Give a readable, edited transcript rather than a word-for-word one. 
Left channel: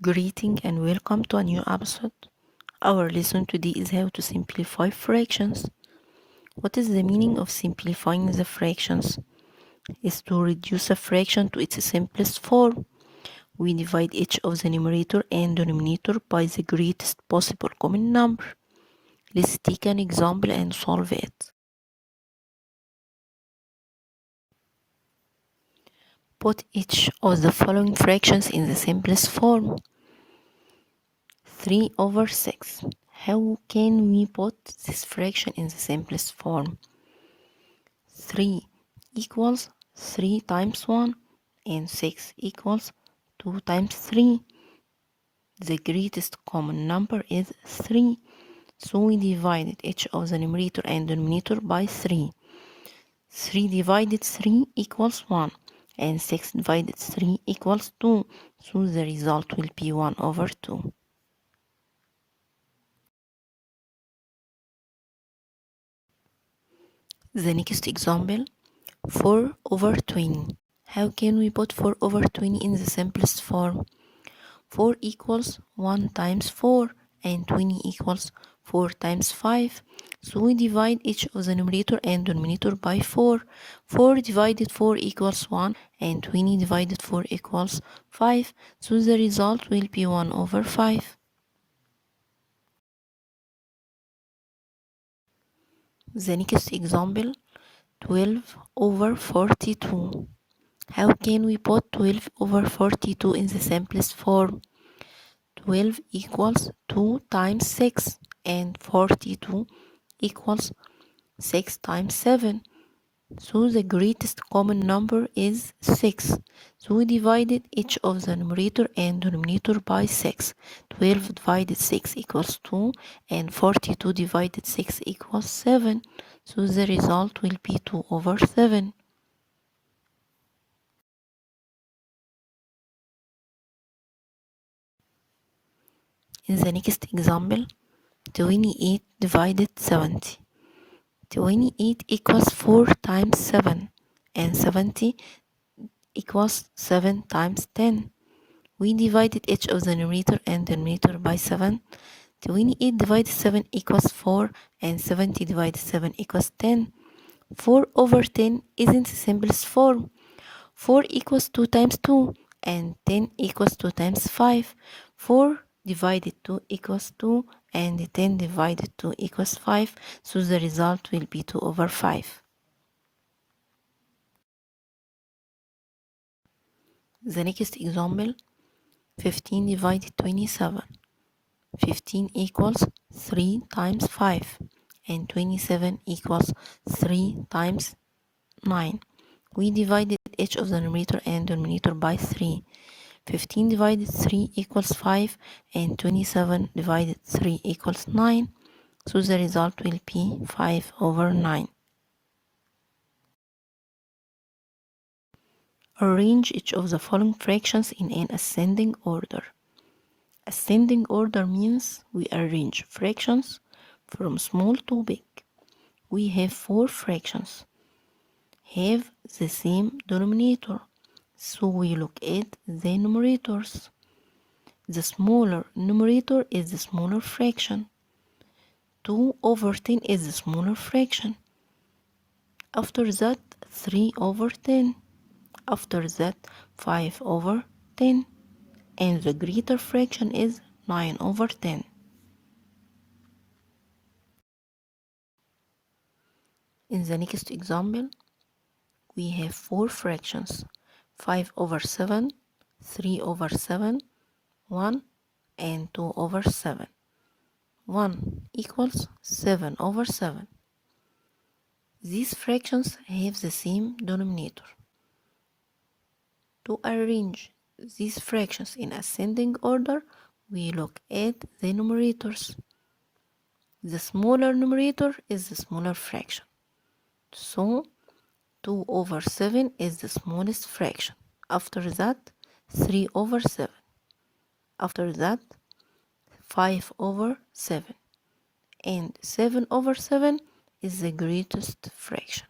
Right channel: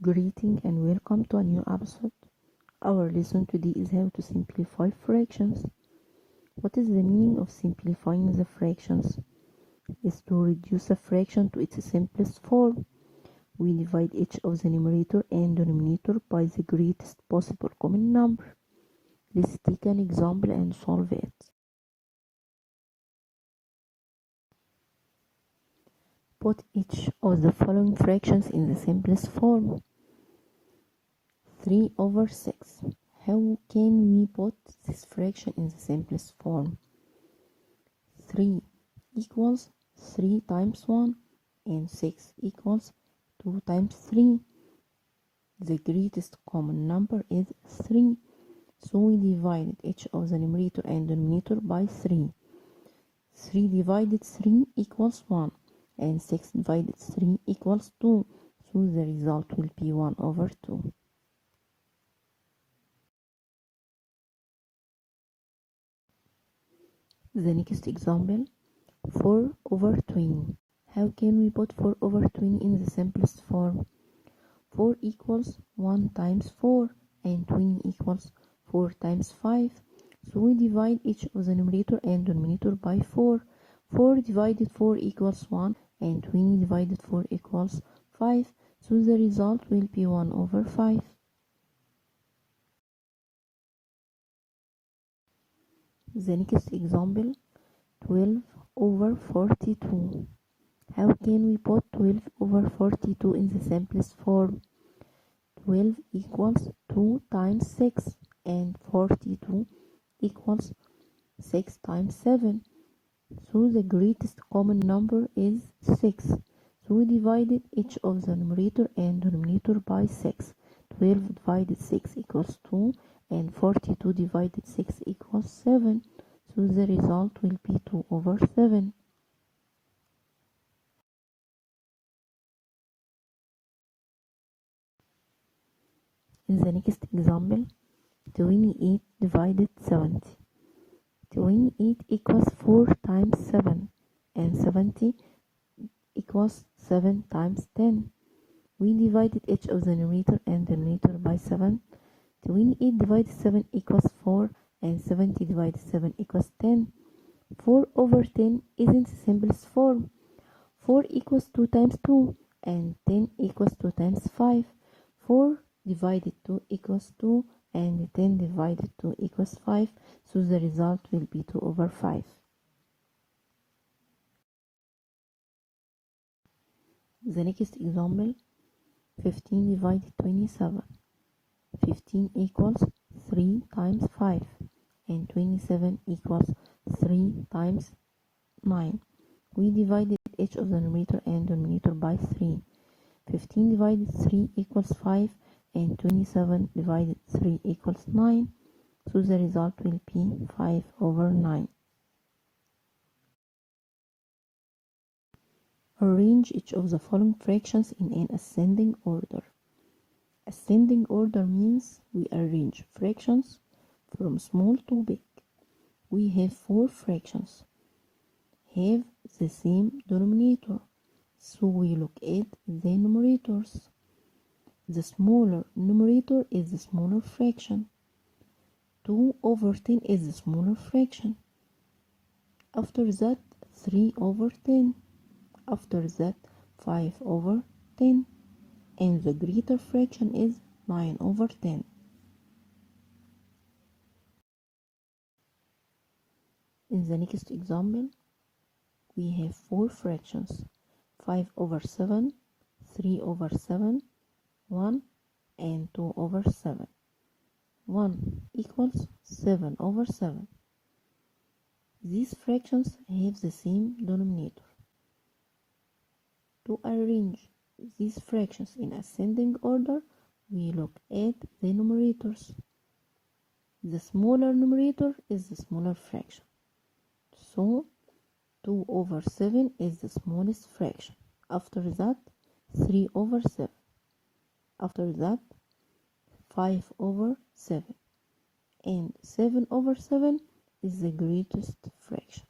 Greeting and welcome to a new episode. Our lesson today is how to simplify fractions. What is the meaning of simplifying the fractions? Is to reduce a fraction to its simplest form. We divide each of the numerator and denominator by the greatest possible common number. Let's take an example and solve it. Put each of the following fractions in the simplest form. 3 over 6. How can we put this fraction in the simplest form? 3 equals 3 times 1 and 6 equals 2 times 3. The greatest common number is 3. So we divided each of the numerator and denominator by 3. 3 divided 3 equals 1 and 6 divided 3 equals 2. So the result will be 1 over 2. The next example, 4 over 20. How can we put 4 over 20 in the simplest form? 4 equals 1 times 4 and 20 equals 4 times 5. So we divide each of the numerator and denominator by 4. 4 divided 4 equals 1 and 20 divided 4 equals 5. So the result will be 1 over 5. The next example, 12 over 42. How can we put 12 over 42 in the simplest form? 12 equals 2 times 6 and 42 equals 6 times 7. So the greatest common number is 6. So we divided each of the numerator and denominator by 6. 12 divided 6 equals 2 and 42 divided 6 equals 7. So the result will be 2 over 7. In the next example, 28 divided 70. 28 equals 4 times 7 and 70 equals 7 times 10. We divided each of the numerator and denominator by 7. 28 divided 7 equals 4 and 70 divided 7 equals 10. 4 over 10 isn't the simplest form. 4 equals 2 times 2 and 10 equals 2 times 5. 4 divided 2 equals 2 and 10 divided 2 equals 5. So the result will be 2 over 5. The next example, 15 divided 27. 15 equals 3 times 5 and 27 equals 3 times 9. We divided each of the numerator and denominator by 3. 15 divided 3 equals 5 and 27 divided 3 equals 9. So the result will be 5 over 9. Arrange each of the following fractions in an ascending order. Ascending order means we arrange fractions from small to big. We have 4 fractions have the same denominator, so we look at the numerators. The smaller numerator is the smaller fraction. 2 over 10 is the smaller fraction. After that, 3 over 10. After that, 5 over 10. And the greater fraction is 9 over 10. In the next example, we have 4 fractions, 5 over 7, 3 over 7, 1 and 2 over 7. 1 equals 7 over 7. These fractions have the same denominator. To arrange these fractions in ascending order, we look at the numerators. The smaller numerator is the smaller fraction. So 2 over 7 is the smallest fraction. After that, 3 over 7. After that, 5 over 7. And 7 over 7 is the greatest fraction.